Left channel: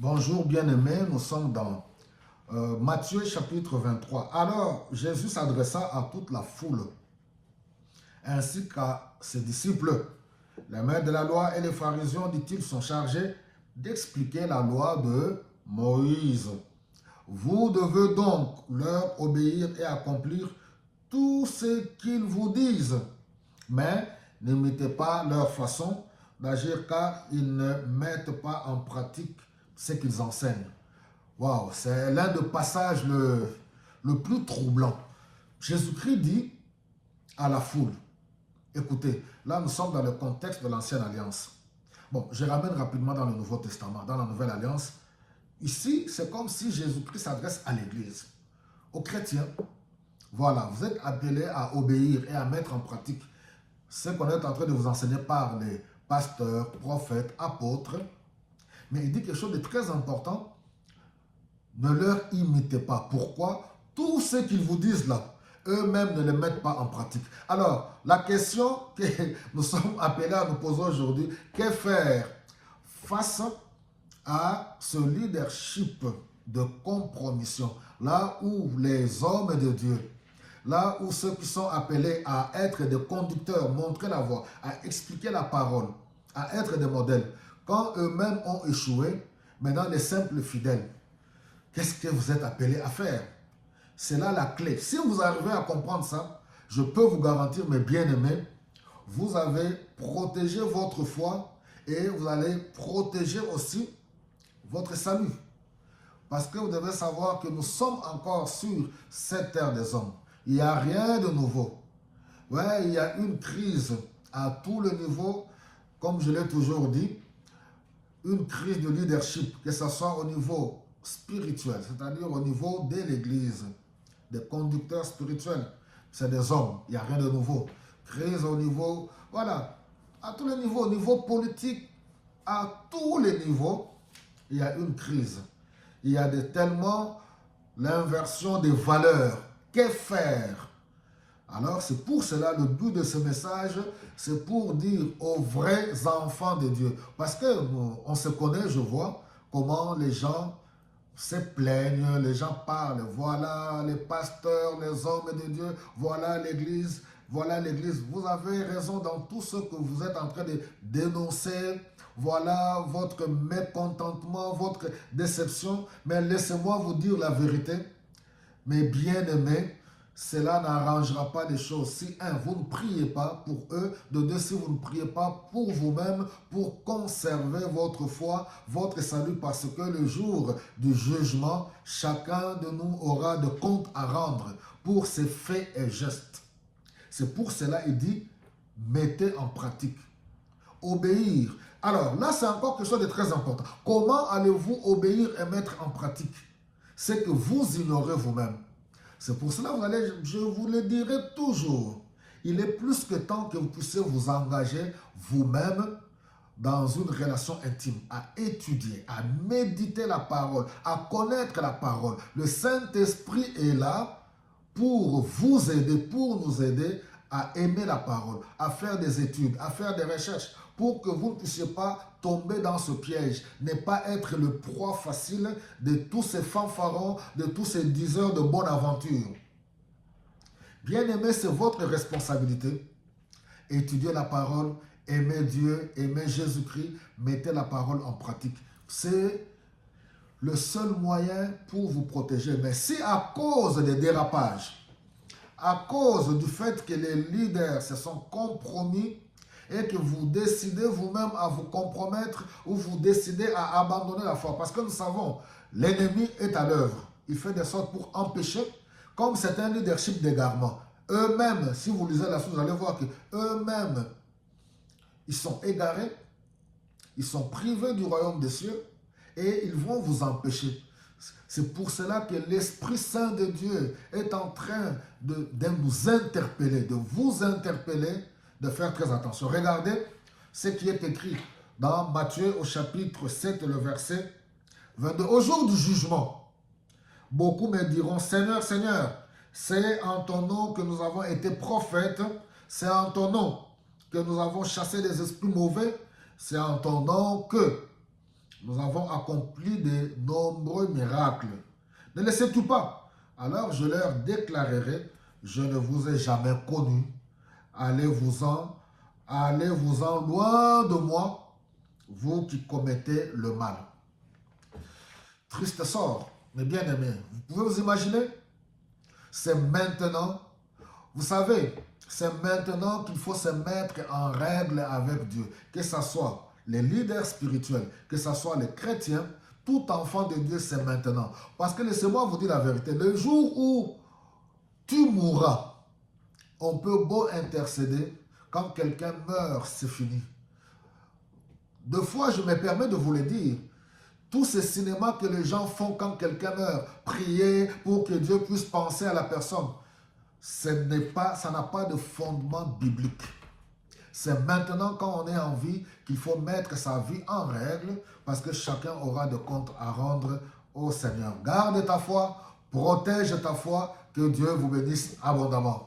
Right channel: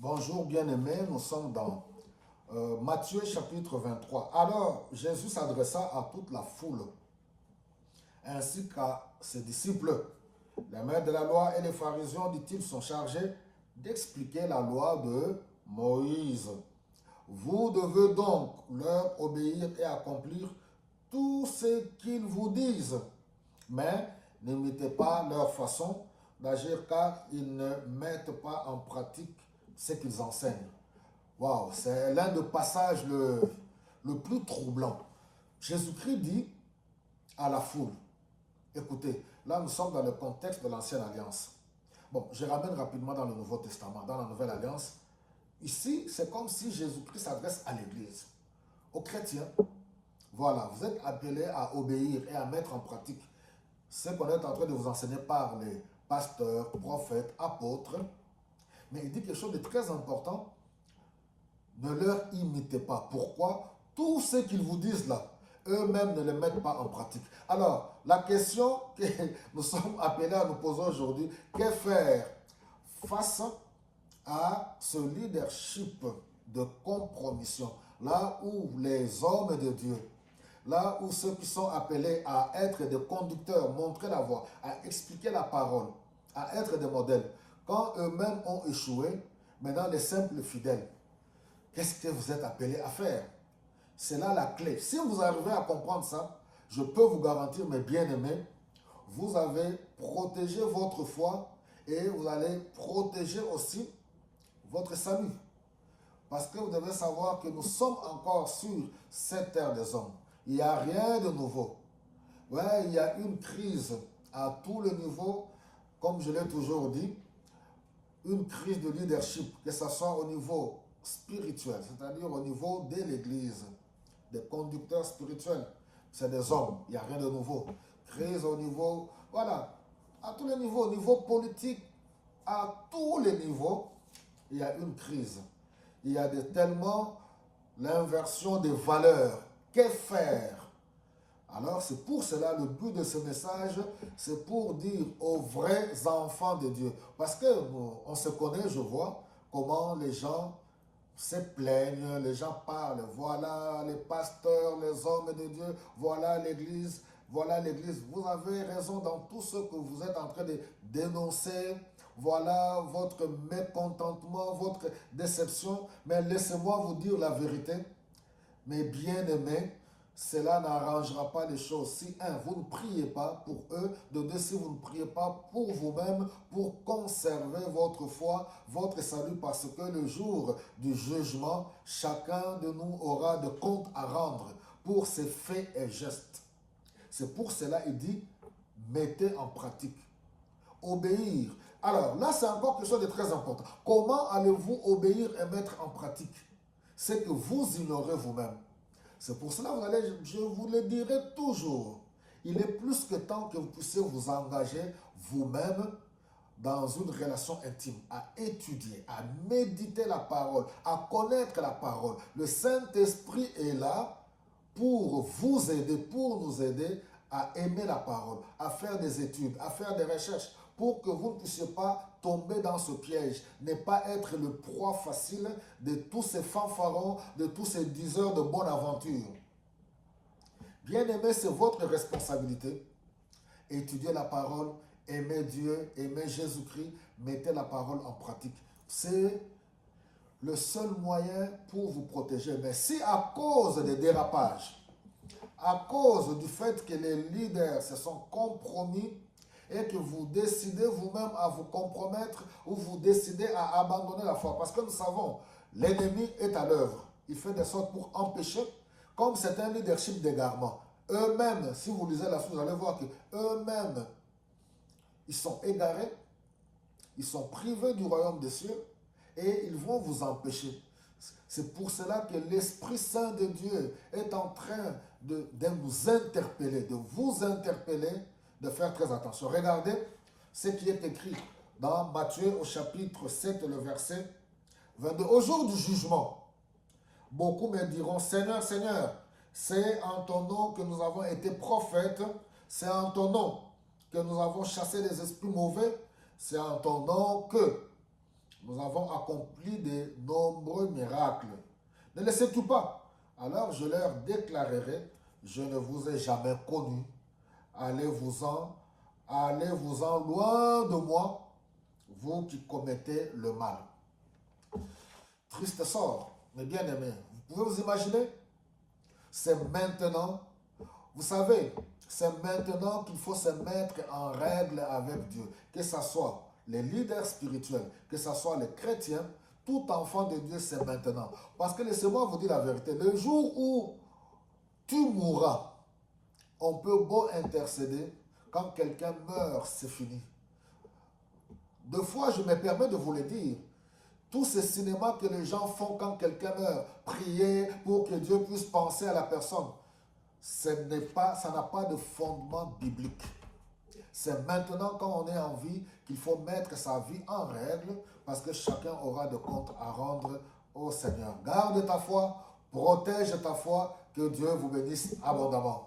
Bonjour bien-aimés, nous sommes dans Matthieu chapitre 23. Alors Jésus s'adressa à toute la foule ainsi qu'à ses disciples. Les maîtres de la loi et les pharisiens, dit-il, sont chargés d'expliquer la loi de Moïse. Vous devez donc leur obéir et accomplir tout ce qu'ils vous disent. Mais n'imitez pas leur façon d'agir car ils ne mettent pas en pratique ce qu'ils enseignent. Waouh, c'est l'un des passages le plus troublant. Jésus-Christ dit à la foule, écoutez, là nous sommes dans le contexte de l'ancienne alliance. Bon, je ramène rapidement dans le Nouveau Testament, dans la Nouvelle Alliance. Ici, c'est comme si Jésus-Christ s'adresse à l'Église, aux chrétiens. Voilà, vous êtes appelés à obéir et à mettre en pratique ce qu'on est en train de vous enseigner par les pasteurs, prophètes, apôtres. Mais il dit quelque chose de très important. Ne leur imitez pas. Pourquoi? Tout ce qu'ils vous disent là, eux-mêmes ne le mettent pas en pratique. Alors, la question que nous sommes appelés à nous poser aujourd'hui, que faire face à ce leadership de compromission, là où les hommes de Dieu, là où ceux qui sont appelés à être des conducteurs, montrer la voie, à expliquer la parole, à être des modèles, quand eux-mêmes ont échoué, maintenant les simples fidèles, qu'est-ce que vous êtes appelés à faire? C'est là la clé. Si vous arrivez à comprendre ça, je peux vous garantir, mes bien-aimés, vous avez protégé votre foi et vous allez protéger aussi votre salut. Parce que vous devez savoir que nous sommes encore sur cette terre des hommes. Il n'y a rien de nouveau. Ouais, il y a une crise à tous les niveaux, comme je l'ai toujours dit, une crise de leadership, que ce soit au niveau spirituel, c'est-à-dire au niveau de l'Église, des conducteurs spirituels. C'est des hommes, il n'y a rien de nouveau. Crise au niveau, voilà, à tous les niveaux, au niveau politique, à tous les niveaux, il y a une crise. Il y a tellement l'inversion des valeurs. Que faire? Alors c'est pour cela le but de ce message, c'est pour dire aux vrais enfants de Dieu. Parce qu'on se connaît, je vois comment les gens se plaignent, les gens parlent. Voilà les pasteurs, les hommes de Dieu, voilà l'église, voilà l'église. Vous avez raison dans tout ce que vous êtes en train de dénoncer. Voilà votre mécontentement, votre déception. Mais laissez-moi vous dire la vérité. Mes bien-aimés, cela n'arrangera pas les choses. Si, un, vous ne priez pas pour eux, de deux, si vous ne priez pas pour vous-même, pour conserver votre foi, votre salut, parce que le jour du jugement, chacun de nous aura de comptes à rendre pour ses faits et gestes. C'est pour cela qu'il dit, mettez en pratique. Obéir. Alors là, c'est encore quelque chose de très important. Comment allez-vous obéir et mettre en pratique ce que vous ignorez vous-même? C'est pour cela que je vous le dirai toujours. Il est plus que temps que vous puissiez vous engager vous-même dans une relation intime, à étudier, à méditer la parole, à connaître la parole. Le Saint-Esprit est là pour vous aider, pour nous aider à aimer la parole, à faire des études, à faire des recherches, pour que vous ne puissiez pas tomber dans ce piège, ne pas être le proie facile de tous ces fanfarons, de tous ces diseurs de bonne aventure. Bien-aimé, c'est votre responsabilité. Étudiez la parole, aimez Dieu, aimez Jésus-Christ, mettez la parole en pratique. C'est le seul moyen pour vous protéger. Mais si à cause des dérapages, à cause du fait que les leaders se sont compromis et que vous décidez vous-même à vous compromettre ou vous décidez à abandonner la foi, parce que nous savons, l'ennemi est à l'œuvre. Il fait des sortes pour empêcher, comme c'est un leadership d'égarement. Eux-mêmes, si vous lisez la suite, vous allez voir qu'eux-mêmes, ils sont égarés, ils sont privés du royaume des cieux et ils vont vous empêcher. C'est pour cela que l'Esprit Saint de Dieu est en train de nous interpeller, de vous interpeller, de faire très attention. Regardez ce qui est écrit dans Matthieu au chapitre 7, le verset 22. Au jour du jugement, beaucoup me diront, Seigneur, Seigneur, c'est en ton nom que nous avons été prophètes, c'est en ton nom que nous avons chassé les esprits mauvais, c'est en ton nom que Nous avons accompli de nombreux miracles. Ne les sais-tu pas? Alors je leur déclarerai, je ne vous ai jamais connu. Allez-vous-en loin de moi, vous qui commettez le mal. Triste sort, mes bien-aimés. Vous pouvez vous imaginer? C'est maintenant, vous savez, c'est maintenant qu'il faut se mettre en règle avec Dieu. Que ce soit les leaders spirituels, que ce soit les chrétiens, tout enfant de Dieu, c'est maintenant. Parce que laissez-moi vous dire la vérité, le jour où tu mourras, on peut beau intercéder, quand quelqu'un meurt, c'est fini. Deux fois, je me permets de vous le dire, tous ces cinémas que les gens font quand quelqu'un meurt, prier pour que Dieu puisse penser à la personne, ça n'a pas de fondement biblique. C'est maintenant quand on est en vie qu'il faut mettre sa vie en règle parce que chacun aura de comptes à rendre au Seigneur. Garde ta foi, protège ta foi, que Dieu vous bénisse abondamment.